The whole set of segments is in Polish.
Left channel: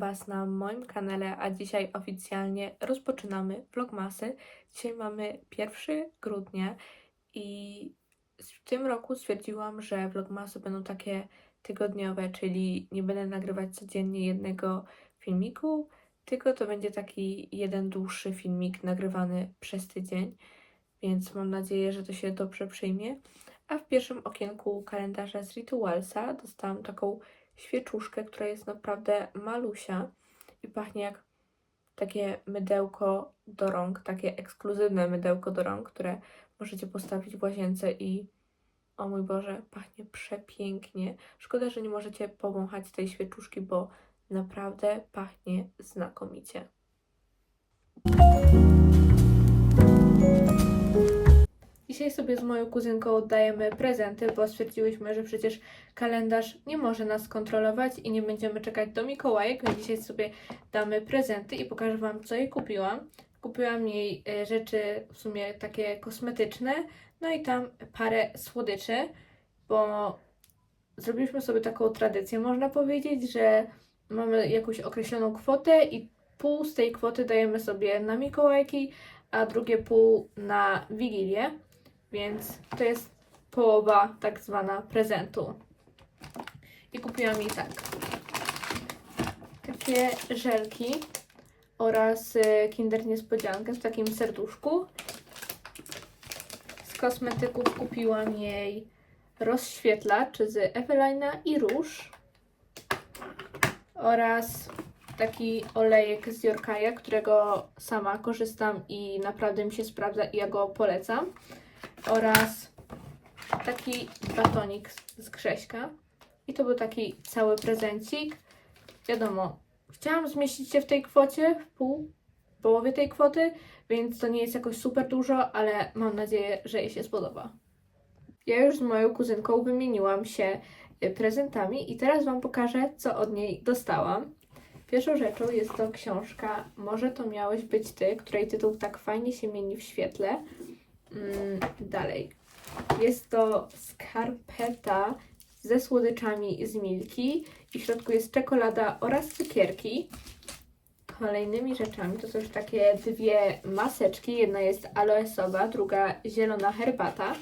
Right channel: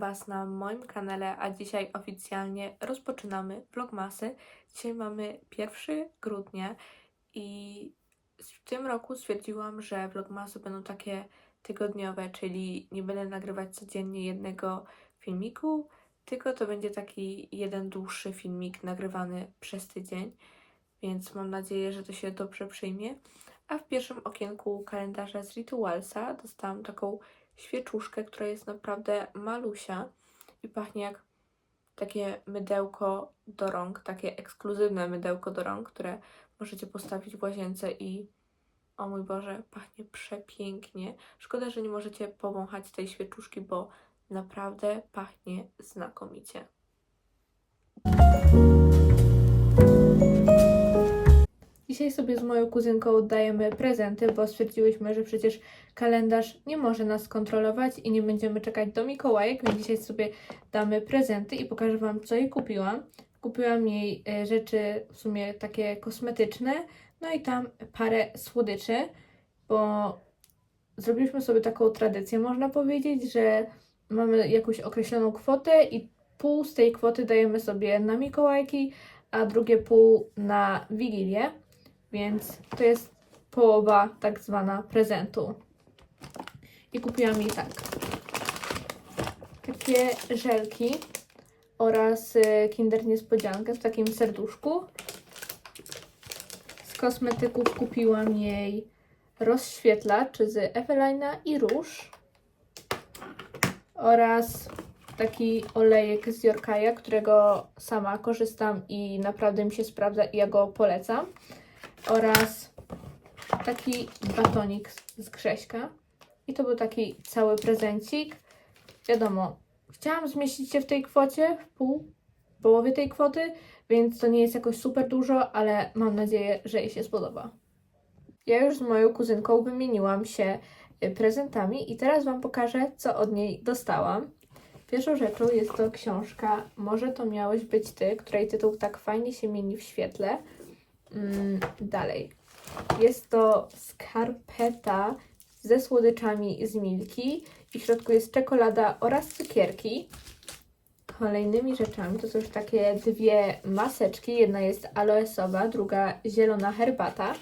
Was na moim kanale, a dzisiaj oficjalnie rozpoczynamy vlogmasy. Dzisiaj mamy 1 grudnia i w tym roku stwierdziłam, że vlogmasy będą takie tygodniowe, czyli nie będę nagrywać codziennie jednego filmiku, tylko to będzie taki jeden dłuższy filmik nagrywany przez tydzień, więc mam nadzieję, że to się dobrze przyjmie. A w pierwszym okienku kalendarza z Ritualsa dostałam taką świeczuszkę, która jest naprawdę malusia i pachnie jak takie mydełko do rąk, takie ekskluzywne mydełko do rąk, które możecie postawić w łazience i o mój Boże, pachnie przepięknie. Szkoda, że nie możecie powąchać tej świeczuszki, bo naprawdę pachnie znakomicie. Dzisiaj sobie z moją kuzynką oddajemy prezenty, bo stwierdziłyśmy, że przecież kalendarz nie może nas kontrolować i nie będziemy czekać do Mikołajek, więc dzisiaj sobie damy prezenty i pokażę Wam, co jej kupiłam. Kupiłam jej e, rzeczy w sumie takie kosmetyczne, no i tam parę słodyczy, bo zrobiliśmy sobie taką tradycję, można powiedzieć, że mamy jakąś określoną kwotę i pół z tej kwoty dajemy sobie na Mikołajki, a drugie pół na Wigilię, więc to jest połowa tak zwana prezentu. I kupiłam jej tak. Takie żelki oraz y, Kinder Niespodziankę w takim serduszku. Z kosmetyków kupiłam jej rozświetlacz z Evelina i róż oraz taki olejek z Jorkaja, którego sama korzystam i naprawdę mi się sprawdza i ja go polecam. Oraz taki batonik z- z Grześka. I to był taki cały prezencik. Wiadomo, chciałam zmieścić się w tej kwocie, w pół, połowie tej kwoty, więc to nie jest jakoś super dużo, ale mam nadzieję, że jej się spodoba. Ja już z moją kuzynką wymieniłam się y, prezentami i teraz Wam pokażę, co od niej dostałam. Pierwszą rzeczą jest to książka Może to miałeś być ty, której tytuł tak fajnie się mieni w świetle. Mm, dalej. Jest to skarpeta ze słodyczami z Milki i w środku jest czekolada oraz cukierki. Kolejnymi rzeczami to są już takie dwie maseczki. Jedna jest aloesowa, druga zielona herbata.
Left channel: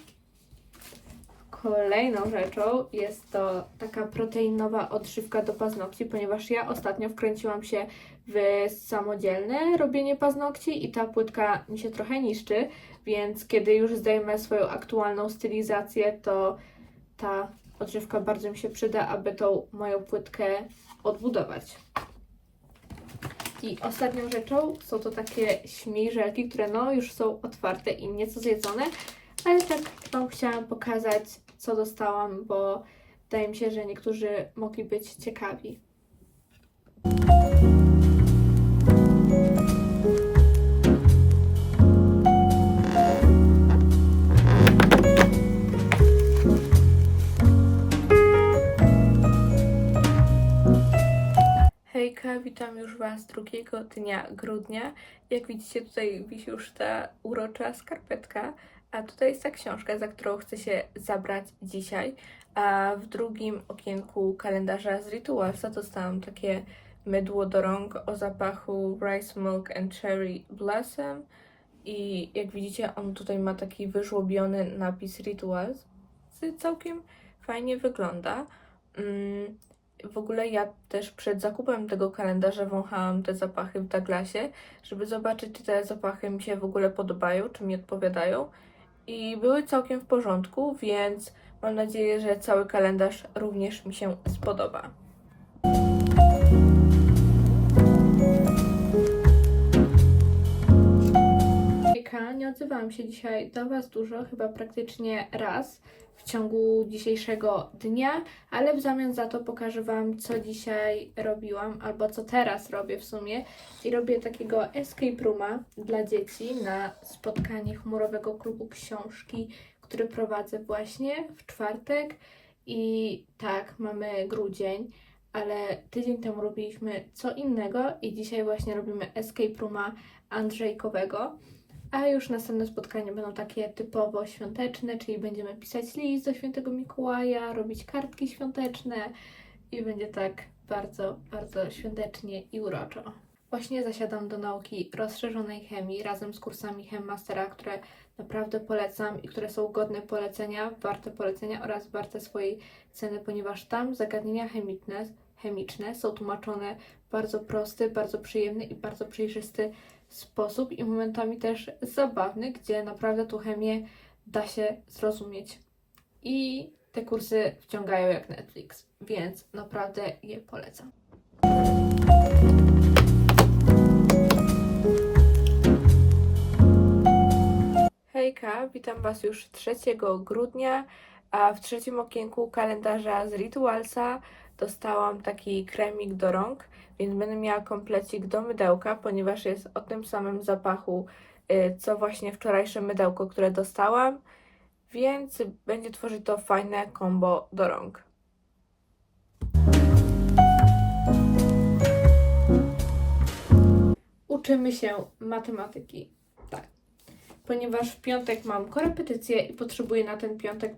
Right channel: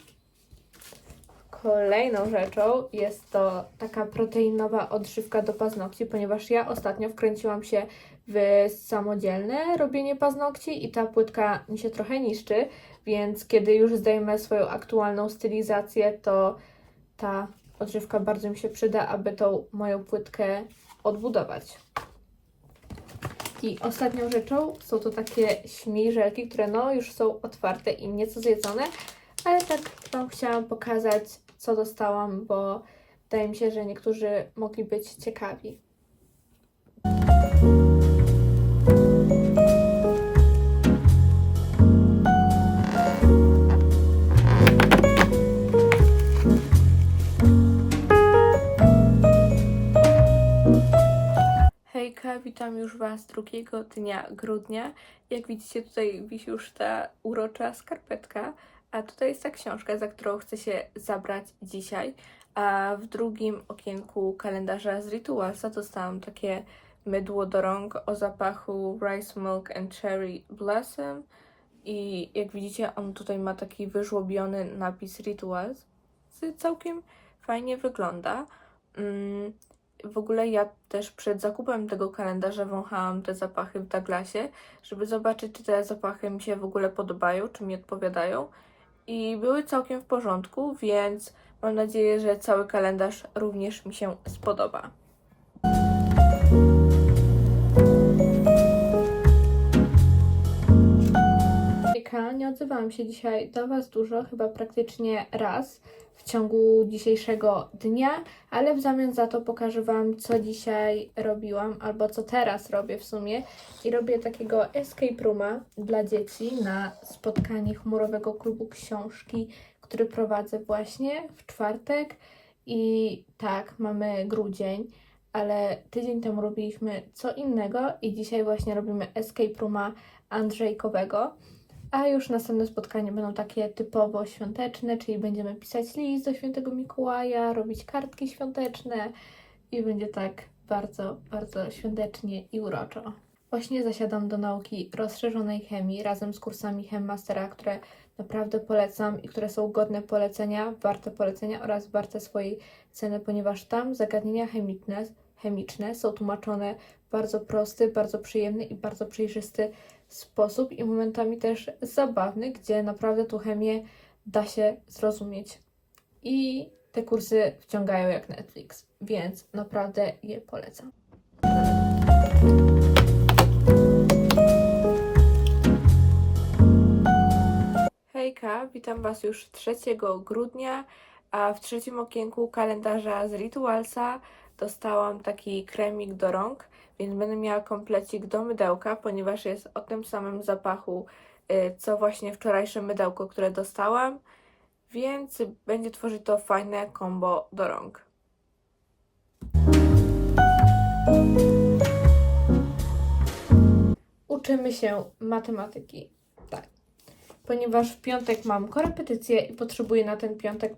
Kolejną rzeczą jest to taka proteinowa odżywka do paznokci, ponieważ ja ostatnio wkręciłam się w samodzielne robienie paznokci i ta płytka mi się trochę niszczy, więc kiedy już zdejmę swoją aktualną stylizację, to ta odżywka bardzo mi się przyda, aby tą moją płytkę odbudować. I ostatnią rzeczą są to takie śmiżelki, które no już są otwarte i nieco zjedzone, ale tak Wam chciałam pokazać, co dostałam, bo wydaje mi się, że niektórzy mogli być ciekawi. Witam już Was drugiego dnia grudnia. Jak widzicie, tutaj wisi już ta urocza skarpetka, a tutaj jest ta książka, za którą chcę się zabrać dzisiaj. A w drugim okienku kalendarza z Ritualsa dostałam takie mydło do rąk o zapachu Rice Milk and Cherry Blossom. I jak widzicie, on tutaj ma taki wyżłobiony napis Rituals. Całkiem fajnie wygląda. Mm, w ogóle ja też przed zakupem tego kalendarza wąchałam te zapachy w Douglasie, żeby zobaczyć, czy te zapachy mi się w ogóle podobają, czy mi odpowiadają. I były całkiem w porządku, więc mam nadzieję, że cały kalendarz również mi się spodoba. Nie odzywałam się dzisiaj do Was dużo, chyba praktycznie raz w ciągu dzisiejszego dnia, ale w zamian za to pokażę Wam, co dzisiaj robiłam, albo co teraz robię w sumie. I robię takiego escape rooma dla dzieci na spotkanie chmurowego klubu książki, który prowadzę właśnie w czwartek. I tak, mamy grudzień, ale tydzień temu robiliśmy co innego i dzisiaj właśnie robimy escape rooma Andrzejkowego. A już następne spotkania będą takie typowo świąteczne, czyli będziemy pisać list do świętego Mikołaja, robić kartki świąteczne i będzie tak bardzo, bardzo świątecznie i uroczo. Właśnie zasiadam do nauki rozszerzonej chemii razem z kursami Chemmastera, które naprawdę polecam i które są godne polecenia, warte polecenia oraz warte swojej ceny, ponieważ tam zagadnienia chemiczne, chemiczne są tłumaczone w bardzo prosty, bardzo przyjemny i bardzo przejrzysty sposób i momentami też zabawny, gdzie naprawdę tą chemię da się zrozumieć. I te kursy wciągają jak Netflix, więc naprawdę je polecam. Hejka, witam Was już 3 grudnia, a w trzecim okienku kalendarza z Ritualsa dostałam taki kremik do rąk, więc będę miała komplecik do mydełka, ponieważ jest o tym samym zapachu, y, co właśnie wczorajsze mydełko, które dostałam, więc będzie tworzyć to fajne kombo do rąk. Uczymy się matematyki. Tak. Ponieważ w piątek mam korepetycję i potrzebuję na ten piątek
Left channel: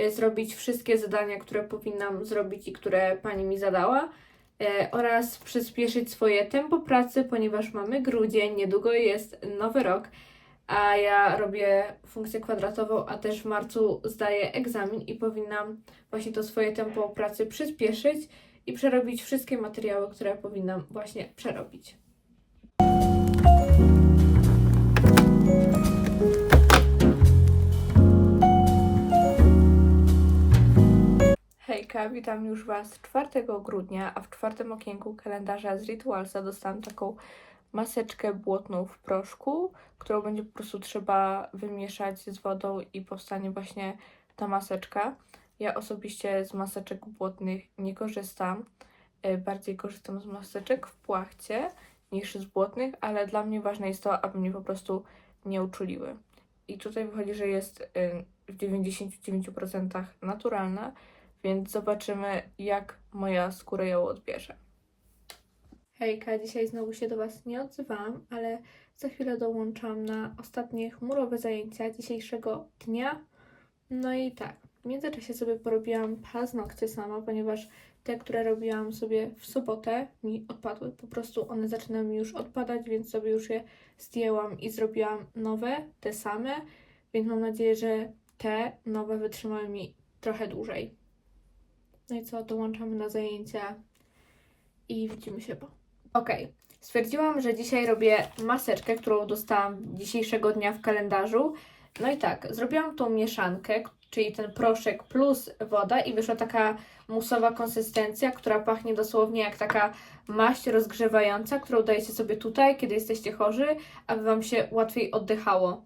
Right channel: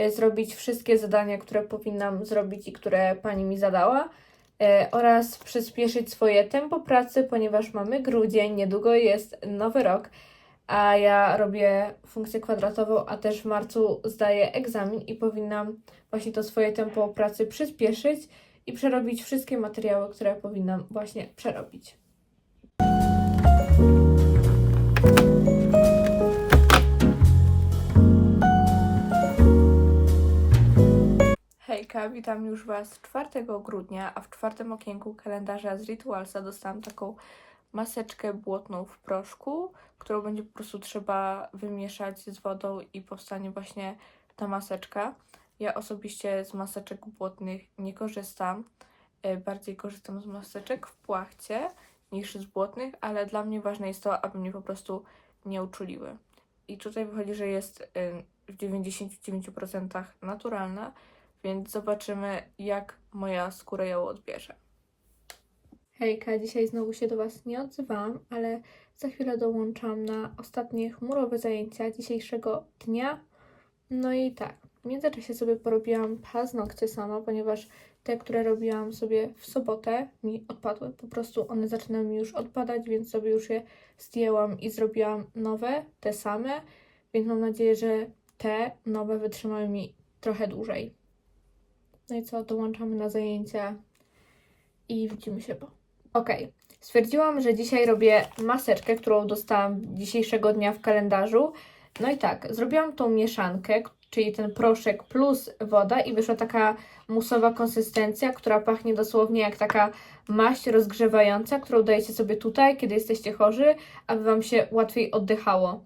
y, zrobić wszystkie zadania, które powinnam zrobić i które pani mi zadała. Y, Oraz przyspieszyć swoje tempo pracy, ponieważ mamy grudzień, niedługo jest nowy rok, a ja robię funkcję kwadratową, a też w marcu zdaję egzamin i powinnam właśnie to swoje tempo pracy przyspieszyć i przerobić wszystkie materiały, które powinnam właśnie przerobić. Hejka, witam już Was 4 grudnia, a w czwartym okienku kalendarza z Ritualsa dostałam taką maseczkę błotną w proszku, którą będzie po prostu trzeba wymieszać z wodą i powstanie właśnie ta maseczka. Ja osobiście z maseczek błotnych nie korzystam. E, Bardziej korzystam z maseczek w płachcie niż z błotnych, ale dla mnie ważne jest to, aby mnie po prostu nie uczuliły. I tutaj wychodzi, że jest y, w 99% naturalna, więc zobaczymy, jak moja skóra ją odbierze. Hejka, dzisiaj znowu się do Was nie odzywałam, ale za chwilę dołączam na ostatnie chmurowe zajęcia dzisiejszego dnia. No i tak, w międzyczasie sobie porobiłam paznokcie sama, ponieważ te, które robiłam sobie w sobotę, mi odpadły. Po prostu one zaczynają mi już odpadać, więc sobie już je zdjęłam i zrobiłam nowe, te same. Więc mam nadzieję, że te nowe wytrzymały mi trochę dłużej. No i co, dołączamy na zajęcia i widzimy się po. Okej, stwierdziłam, że dzisiaj robię maseczkę, którą dostałam dzisiejszego dnia w kalendarzu. No i tak, zrobiłam tą mieszankę, czyli ten proszek plus woda i wyszła taka musowa konsystencja, która pachnie dosłownie jak taka maść rozgrzewająca, którą dajecie sobie tutaj, kiedy jesteście chorzy, aby Wam się łatwiej oddychało.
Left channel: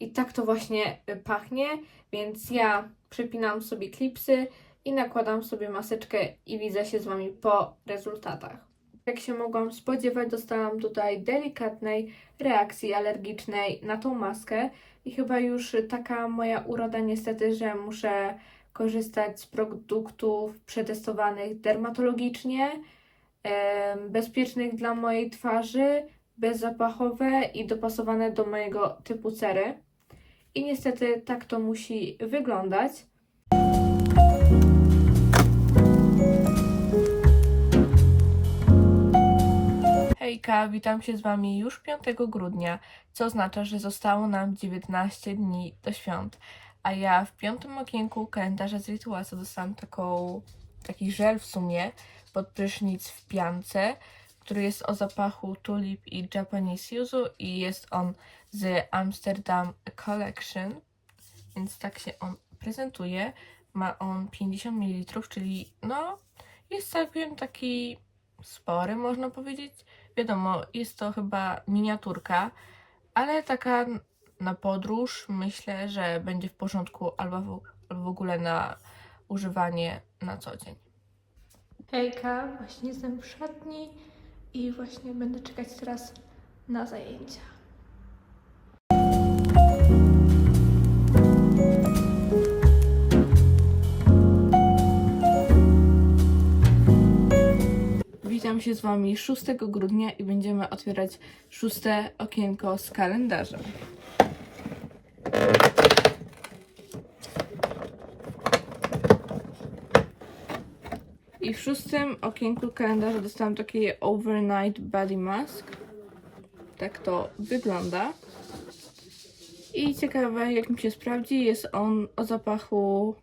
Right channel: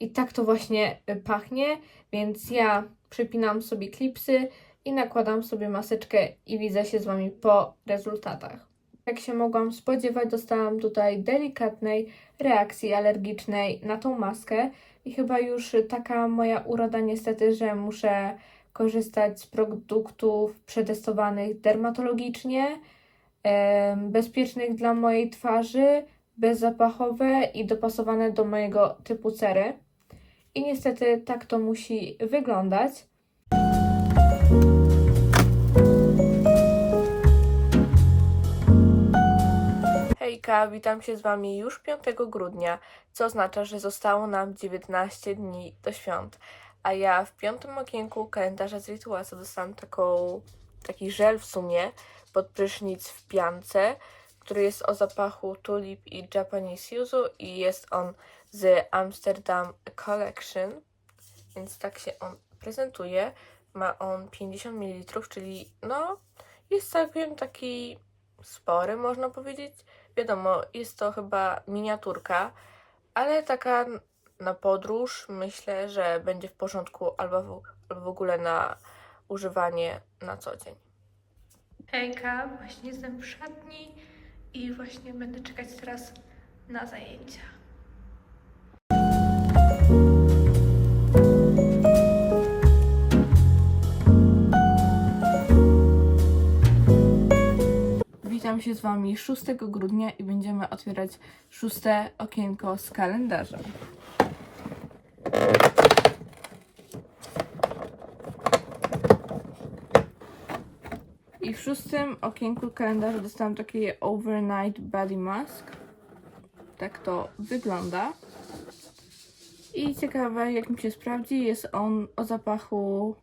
I tak to właśnie pachnie, więc ja przypinam sobie klipsy i nakładam sobie maseczkę i widzę się z Wami po rezultatach. Jak się mogłam spodziewać, dostałam tutaj delikatnej reakcji alergicznej na tą maskę i chyba już taka moja uroda niestety, że muszę korzystać z produktów przetestowanych dermatologicznie, bezpiecznych dla mojej twarzy, bezzapachowe i dopasowane do mojego typu cery. I niestety tak to musi wyglądać. Hejka, witam się z Wami już 5 grudnia, co oznacza, że zostało nam 19 dni do świąt. A ja w piątym okienku kalendarza z Ritualsa dostałam taką, taki żel w sumie pod prysznic w piance, który jest o zapachu tulip i Japanese yuzu i jest on z Amsterdam Collection, więc tak się on prezentuje. Ma on 50 ml, czyli no jest całkiem taki spory, można powiedzieć. Wiadomo, jest to chyba miniaturka, ale taka na podróż myślę, że będzie w porządku albo w, albo w ogóle na używanie na co dzień. Hejka, właśnie jestem w szatni i właśnie będę czekać teraz na zajęcia. Witam się z Wami 6 grudnia i będziemy otwierać szóste okienko z kalendarza. I w szóstym okienku kalendarza dostałam taki overnight body mask. Tak to wygląda. I ciekawe, jak mi się sprawdzi, jest on o zapachu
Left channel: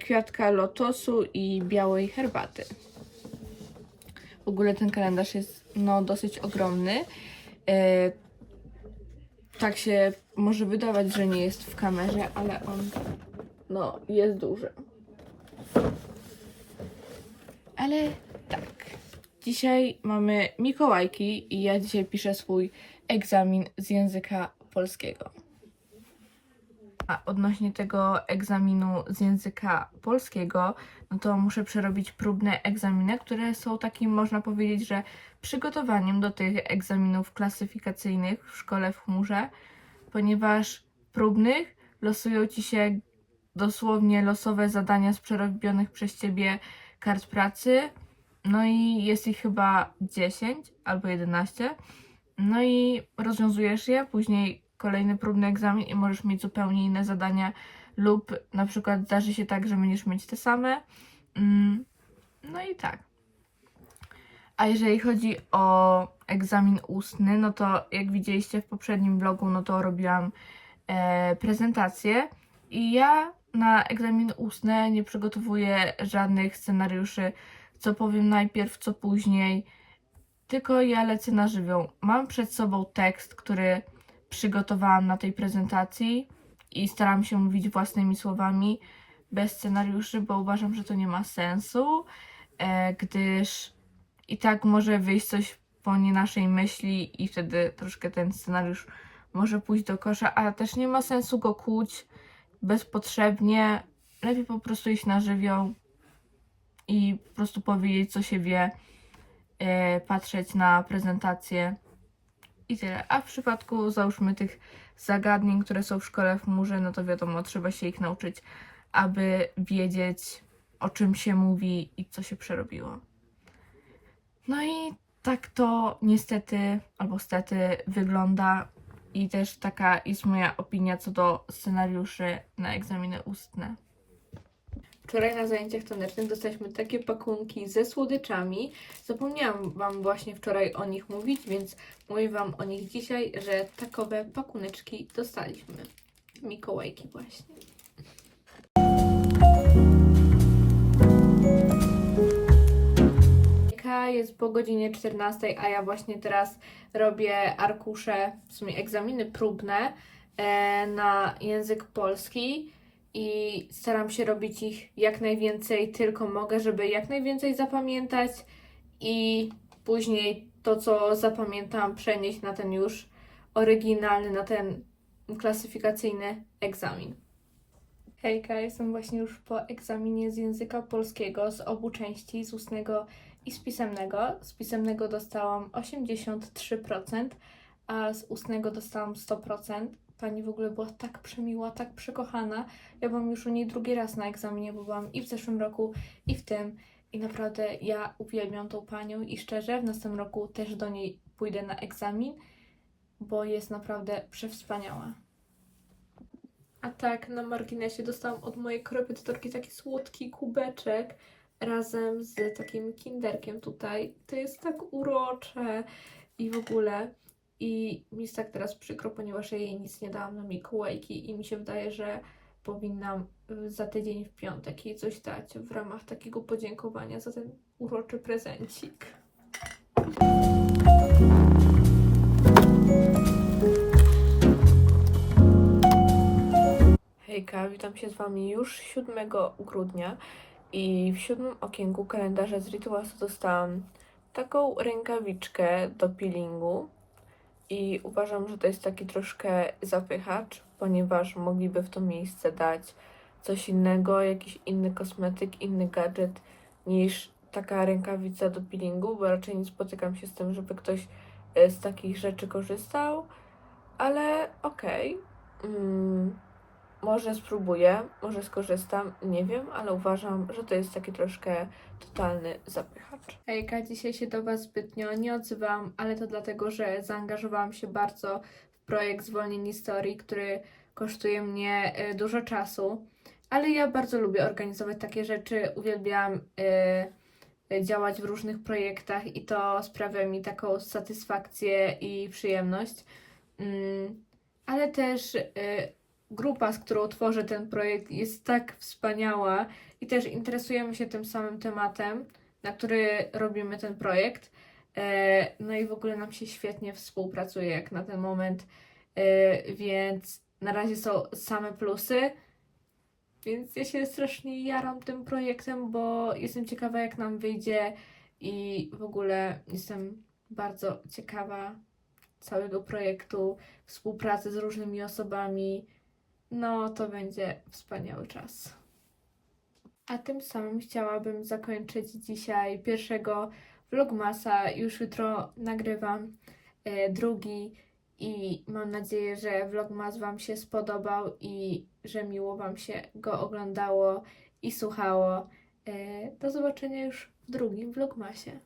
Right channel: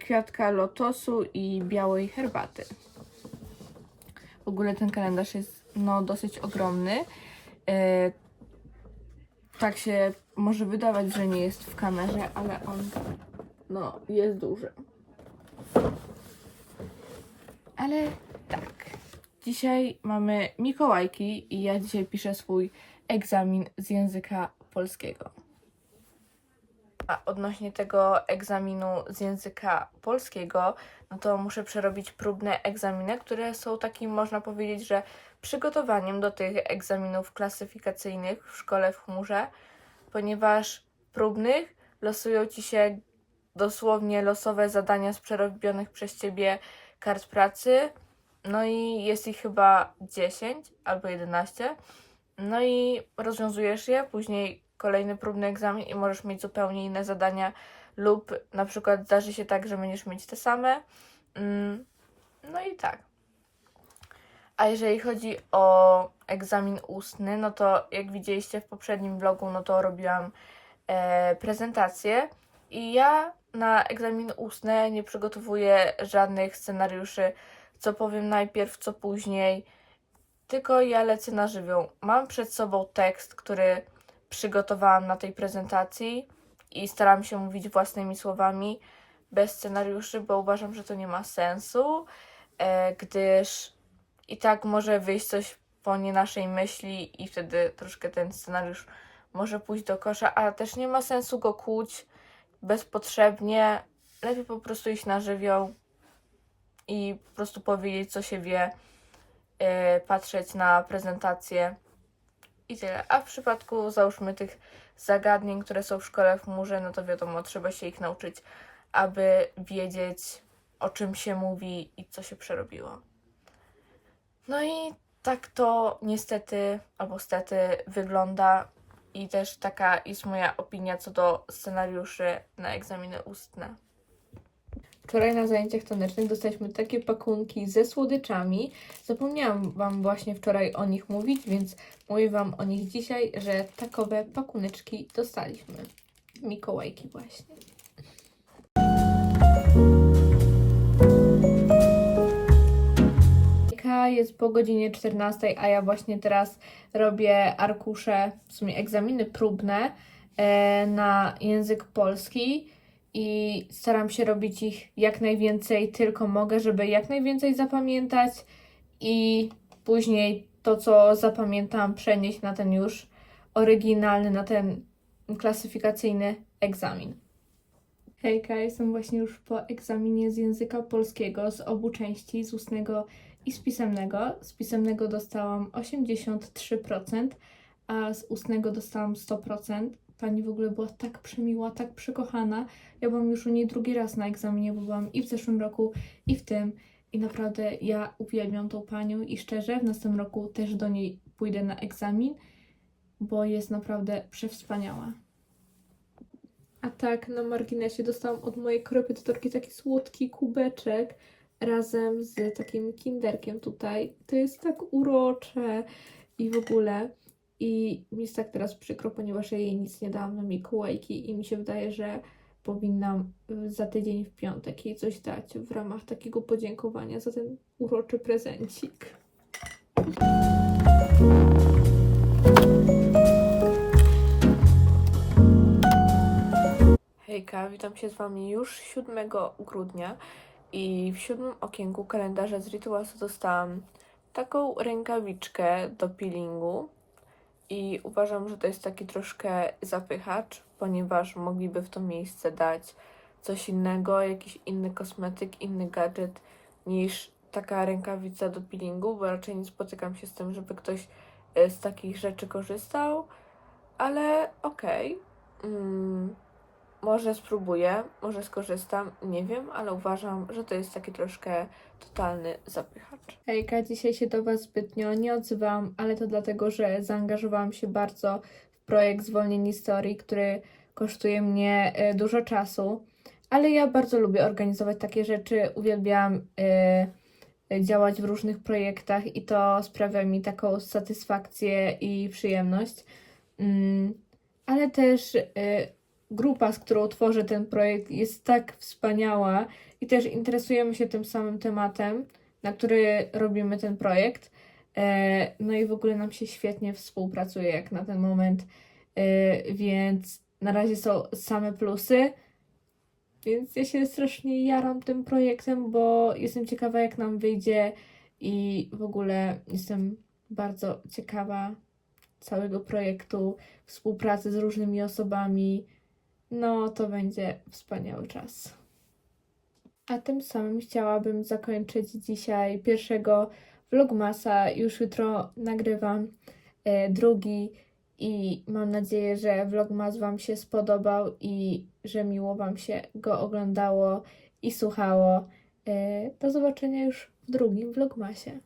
kwiatka lotosu i białej herbaty. W ogóle ten kalendarz jest no, dosyć ogromny. E, tak się może wydawać, że nie jest w kamerze, ale on no, jest duży. Ale tak. Dzisiaj mamy Mikołajki i ja dzisiaj piszę swój egzamin z języka polskiego. Odnośnie tego egzaminu z języka polskiego, no to muszę przerobić próbne egzaminy, które są takim, można powiedzieć, że przygotowaniem do tych egzaminów klasyfikacyjnych w szkole w chmurze, ponieważ próbnych losują ci się dosłownie losowe zadania z przerobionych przez ciebie kart pracy. No i jest ich chyba 10 albo 11. No i rozwiązujesz je, później kolejny próbny egzamin i możesz mieć zupełnie inne zadania lub na przykład zdarzy się tak, że będziesz mieć te same. Mm, No i tak. A jeżeli chodzi o egzamin ustny, no to jak widzieliście w poprzednim vlogu, no to robiłam e, prezentację i ja na egzamin ustny nie przygotowuję żadnych scenariuszy, co powiem najpierw, co później, tylko ja lecę na żywioł. Mam przed sobą tekst, który przygotowałam na tej prezentacji i staram się mówić własnymi słowami, bez scenariuszy, bo uważam, że to nie ma sensu, e, gdyż i tak może wyjść coś po nie naszej myśli i wtedy troszkę ten scenariusz może pójść do kosza, ale też nie ma sensu go kłuć bezpotrzebnie. Lepiej po prostu iść na żywioł i po prostu powiedzieć, co się wie, e, patrzeć na prezentację i tyle. A w przypadku, załóżmy, tych zagadnień, które są w szkole w chmurze, no to wiadomo, trzeba się ich nauczyć, aby wiedzieć, o czym się mówi i co się przerobiło. No i tak to niestety, albo stety wygląda i też taka jest moja opinia co do scenariuszy na egzaminy ustne. Wczoraj na zajęciach tanecznych dostaliśmy takie pakunki ze słodyczami. Zapomniałam Wam właśnie wczoraj o nich mówić, więc mówię Wam o nich dzisiaj, że takowe pakuneczki dostaliśmy. Mikołajki właśnie. Jest po godzinie 14, a ja właśnie teraz robię arkusze, w sumie egzaminy próbne e, na język polski i staram się robić ich jak najwięcej tylko mogę, żeby jak najwięcej zapamiętać i później to, co zapamiętam, przenieść na ten już oryginalny, na ten klasyfikacyjny egzamin. Hejka, jestem właśnie już po egzaminie z języka polskiego z obu części, z ustnego i z pisemnego. Z pisemnego dostałam 83%, a z ustnego dostałam 100%. Pani w ogóle była tak przemiła, tak przekochana. Ja byłam już u niej drugi raz na egzaminie, bo byłam i w zeszłym roku, i w tym. I naprawdę ja uwielbiam tą panią i szczerze w następnym roku też do niej pójdę na egzamin, bo jest naprawdę przewspaniała. A tak, na marginesie dostałam od mojej korepetytorki taki słodki kubeczek razem z takim kinderkiem tutaj. To jest tak urocze i w ogóle. I mi jest tak teraz przykro, ponieważ ja jej nic nie dałam na Mikołajki i mi się wydaje, że powinnam y, za tydzień w piątek jej coś dać w ramach takiego podziękowania za ten uroczy prezencik. Hejka, witam się z Wami już 7 grudnia i w siódmym okienku kalendarza z Ritualsu dostałam taką rękawiczkę do peelingu i uważam, że to jest taki troszkę zapychacz, ponieważ mogliby w to miejsce dać coś innego, jakiś inny kosmetyk, inny gadżet niż taka rękawica do peelingu, bo raczej nie spotykam się z tym, żeby ktoś e, z takich rzeczy korzystał, ale okej. Mm, może spróbuję, może skorzystam, nie wiem, ale uważam, że to jest taki troszkę totalny zapychacz. Hejka, dzisiaj się do Was zbytnio nie odzywam, ale to dlatego, że zaangażowałam się bardzo w projekt Zwolnień Historii, który kosztuje mnie e, dużo czasu, ale ja bardzo lubię organizować takie rzeczy, uwielbiam e, y, działać w różnych projektach i to sprawia mi taką satysfakcję i przyjemność. Mm, Ale też grupa, z którą tworzę ten projekt, jest tak wspaniała i też interesujemy się tym samym tematem, na który robimy ten projekt. E, No i w ogóle nam się świetnie współpracuje jak na ten moment, E, więc na razie są same plusy. Więc ja się strasznie jaram tym projektem, bo jestem ciekawa, jak nam wyjdzie i w ogóle jestem bardzo ciekawa całego projektu, współpracy z różnymi osobami. No, to będzie wspaniały czas. A tym samym chciałabym zakończyć dzisiaj pierwszego vlogmasa. Już jutro nagrywam e, drugi i mam nadzieję, że vlogmas Wam się spodobał i że miło Wam się go oglądało i słuchało. E, do zobaczenia już w drugim vlogmasie.